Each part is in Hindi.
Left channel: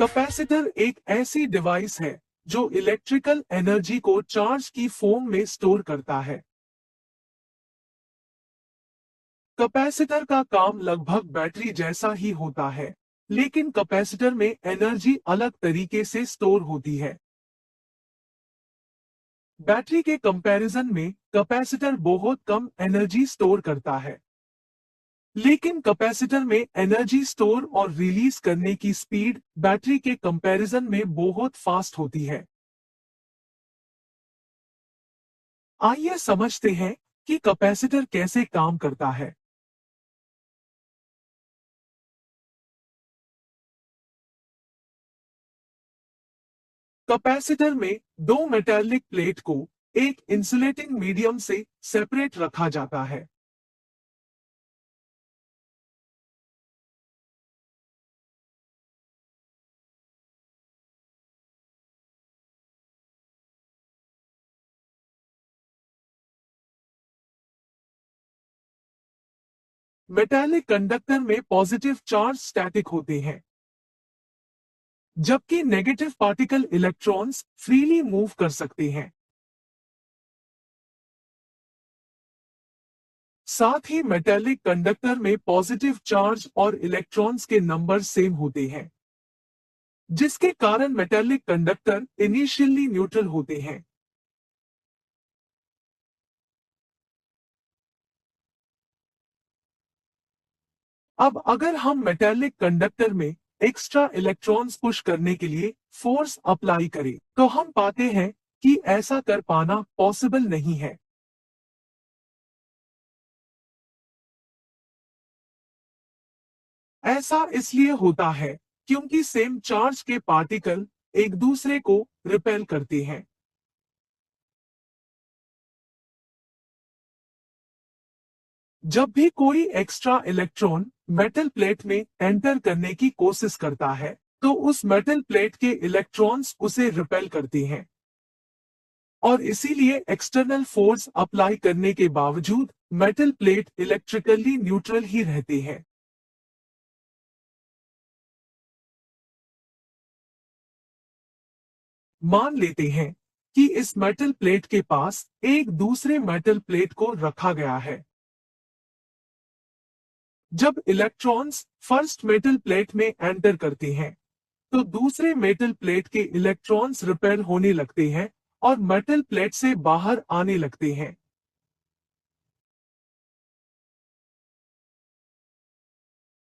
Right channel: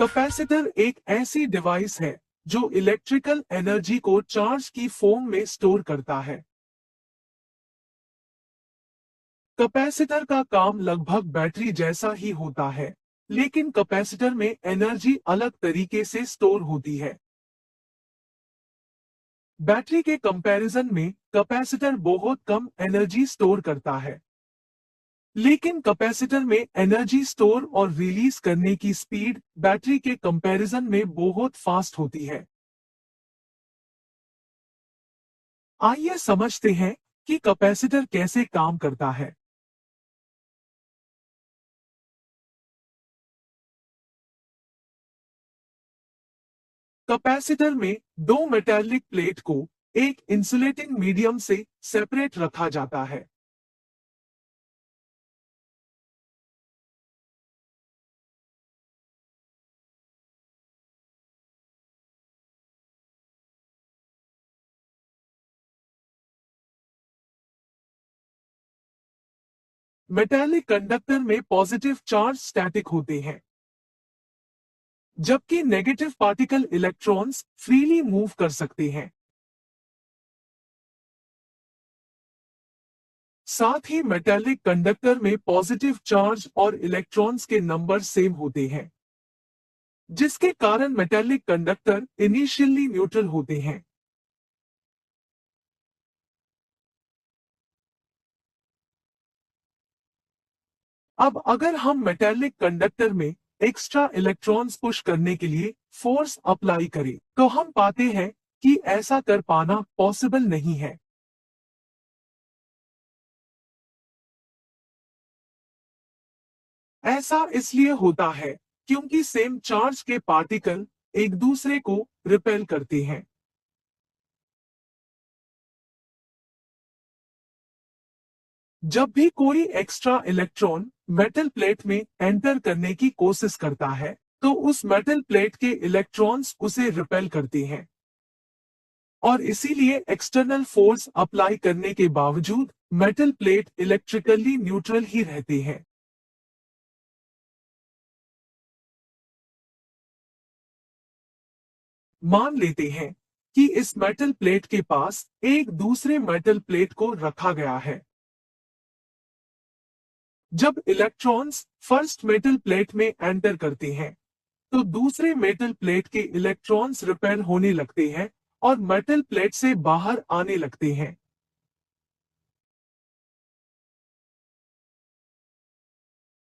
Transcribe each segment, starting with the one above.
कैपेसिटर एक ऐसी डिवाइस है जो इलेक्ट्रिकल एनर्जी को चार्ज की फॉर्म में स्टोर करता है। कैपेसिटर का काम लगभग बैटरी जैसा ही होता है, लेकिन कैपेसिटर में एनर्जी अलग तरीके से स्टोर होती है। बैटरी के कंपैरिजन में कैपेसिटर बहुत कम एनर्जी स्टोर करता है, लेकिन कैपेसिटर में एनर्जी स्टोर और रिलीज करने की स्पीड बैटरी के कंपैरिजन में बहुत फास्ट होती है। आइए समझते हैं कि कैपेसिटर कैसे काम करता है। कैपेसिटर में दो मेटालिक प्लेट को एक इंसुलेटिंग मीडियम से सेपरेट रखा जाता है। मेटालिक कंडक्टर में पॉजिटिव चार्ज स्टैटिक होते हैं, जबकि negative particle electrons freely move कर सकते हैं। साथ ही मेटालिक कंडक्टर में पॉजिटिव चार्ज और इलेक्ट्रॉन्स के नंबर सेम होते हैं, जिसके कारण मेटालिक कंडक्टर इनिशियली न्यूट्रल होते हैं। अब अगर हम मेटालिक कंडक्टर में एक्स्ट्रा इलेक्ट्रॉन्स पुश करने के लिए फोर्स अप्लाई करें, तो हम पाते हैं कि ऐसा कर पाना पॉसिबल नहीं है। ऐसा इसलिए होता है क्योंकि सेम चार्ज के पार्टिकल एक दूसरे को रिपेल करते हैं। जब भी कोई एक्स्ट्रा इलेक्ट्रॉन मेटल प्लेट में एंटर करने की कोशिश करता है, तो उस मेटल प्लेट के इलेक्ट्रॉन्स उसे रिपेल करते हैं और इसीलिए एक्सटर्नल फोर्स अप्लाई करने के बावजूद मेटल प्लेट इलेक्ट्रिकली न्यूट्रल ही रहते हैं। मान लेते हैं कि इस मेटल प्लेट के पास एक दूसरे मेटल प्लेट को रखा गया है। जब इलेक्ट्रॉन्स फर्स्ट मेटल प्लेट में एंटर करते हैं, तो दूसरे मेटल प्लेट के इलेक्ट्रॉन्स रिपेल होने लगते हैं और मेटल प्लेट से बाहर आने लगते हैं।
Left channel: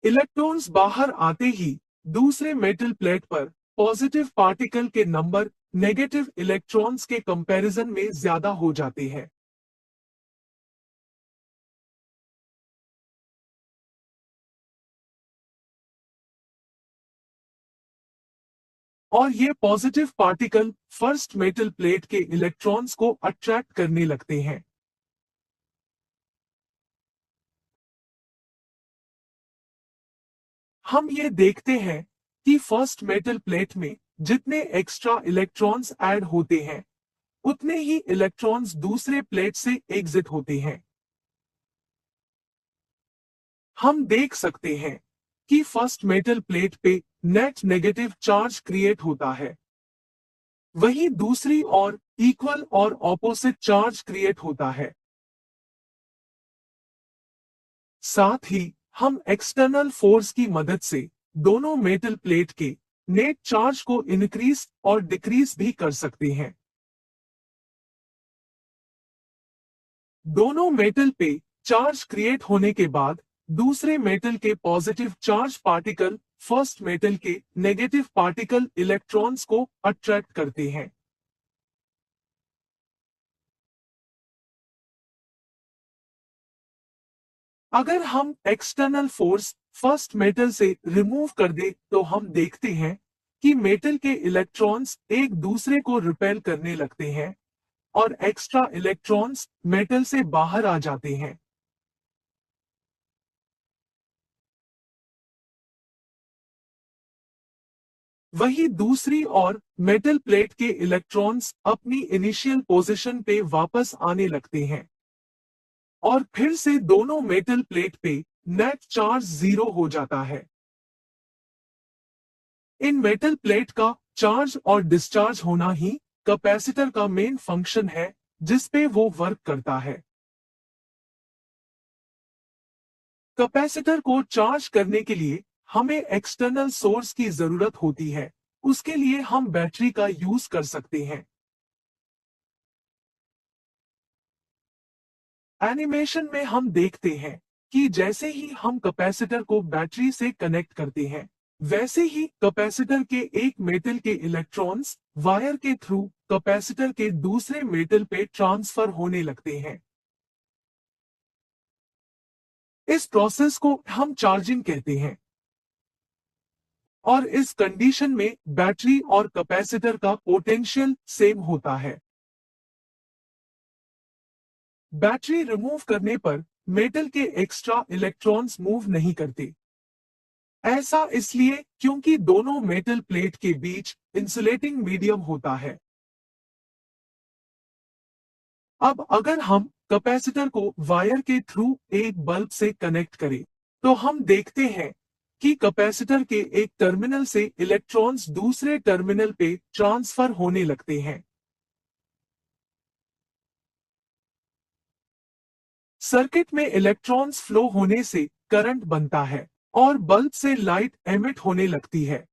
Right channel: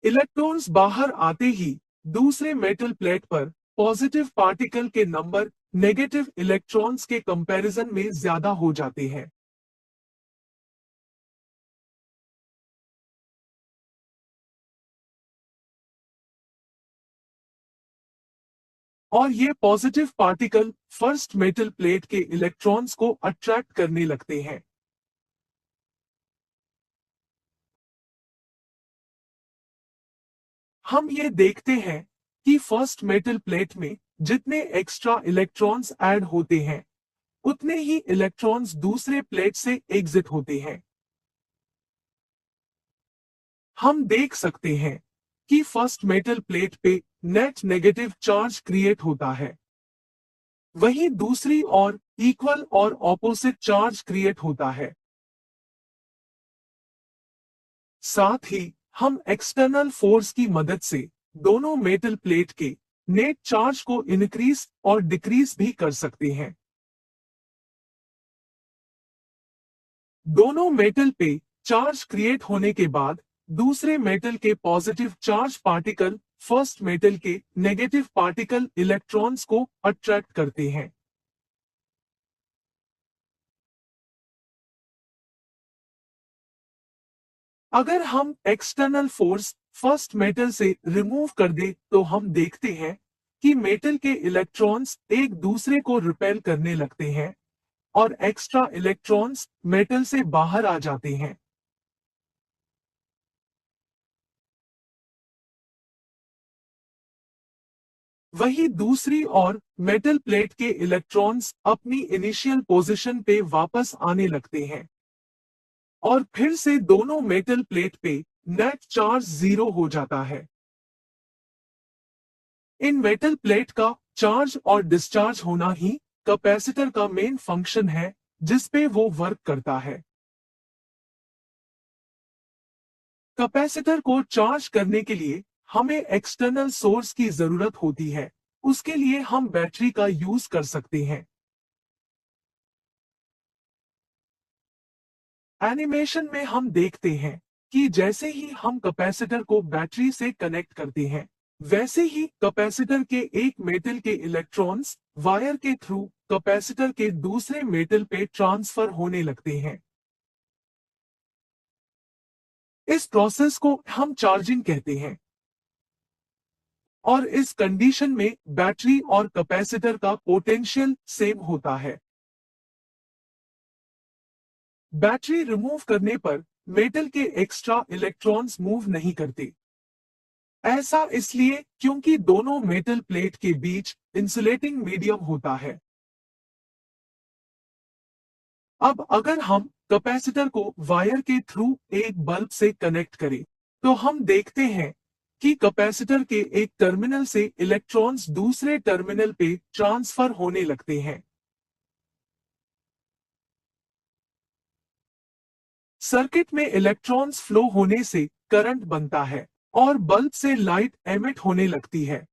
इलेक्ट्रॉन्स बाहर आते ही दूसरे मेटल प्लेट पर पॉजिटिव पार्टिकल के नंबर नेगेटिव इलेक्ट्रॉन्स के कंपैरिजन में ज्यादा हो जाते हैं। और ये positive particle first metal plate के इलेक्ट्रॉन्स को अट्रैक्ट करने लगते हैं। हम ये देखते हैं कि फर्स्ट मेटल प्लेट में जितने एक्स्ट्रा इलेक्ट्रॉन्स ऐड होते हैं, उतने ही इलेक्ट्रॉन्स दूसरे प्लेट से एग्जिट होते हैं। हम देख सकते हैं कि फर्स्ट मेटल प्लेट पे नेट नेगेटिव चार्ज क्रिएट होता है, वहीं दूसरी ओर इक्वल और ऑपोजिट चार्ज क्रिएट होता है। साथ ही हम एक्सटर्नल फोर्स की मदद से दोनों मेटल प्लेट के नेट चार्ज को इंक्रीज और डिक्रीज भी कर सकते हैं। दोनों मेटल पे चार्ज क्रिएट होने के बाद दूसरे मेटल के positive charge particle first metal के नेगेटिव पार्टिकल इलेक्ट्रॉन्स को अट्रैक्ट करते हैं। अगर हम एक्सटर्नल फोर्स फर्स्ट मेटल से रिमूव कर दे, तो हम देखते हैं कि मेटल के इलेक्ट्रॉन्स एक दूसरे को रिपेल करने लगते हैं और एक्स्ट्रा इलेक्ट्रॉन्स मेटल से बाहर आ जाते हैं। वहीं दूसरी ओर मेटल प्लेट के इलेक्ट्रॉन्स अपनी इनिशियल पोजीशन पे वापस आने लगते हैं और फिर से दोनों मेटल प्लेट पे नेट चार्ज जीरो हो जाता है। इन मेटल प्लेट का चार्ज और डिस्चार्ज होना ही कैपेसिटर का मेन फंक्शन है जिस पे वो वर्क करता है। कैपेसिटर को चार्ज करने के लिए हमें एक्सटर्नल सोर्स की जरूरत होती है। उसके लिए हम बैटरी का यूज कर सकते हैं। एनिमेशन में हम देखते हैं कि जैसे ही हम कैपेसिटर को बैटरी से कनेक्ट करते हैं, वैसे ही कैपेसिटर के एक मेटल के इलेक्ट्रॉन्स वायर के थ्रू कैपेसिटर के दूसरे मेटल पे ट्रांसफर होने लगते हैं। इस प्रोसेस को हम चार्जिंग कहते हैं और इस कंडीशन में बैटरी और कैपेसिटर का पोटेंशियल सेम होता है। बैटरी रिमूव करने पर मेटल के एक्स्ट्रा इलेक्ट्रॉन्स मूव नहीं करते। ऐसा इसलिए क्योंकि दोनों मेटल प्लेट के बीच इंसुलेटिंग मीडियम होता है। अब अगर हम कैपेसिटर को वायर के थ्रू एक बल्ब से कनेक्ट करें, तो हम देखते हैं कि कैपेसिटर के एक टर्मिनल से इलेक्ट्रॉन्स दूसरे टर्मिनल पे ट्रांसफर होने लगते हैं। सर्किट में इलेक्ट्रॉन्स फ्लो होने से करंट बनता है और बल्ब से लाइट एमिट होने लगती है।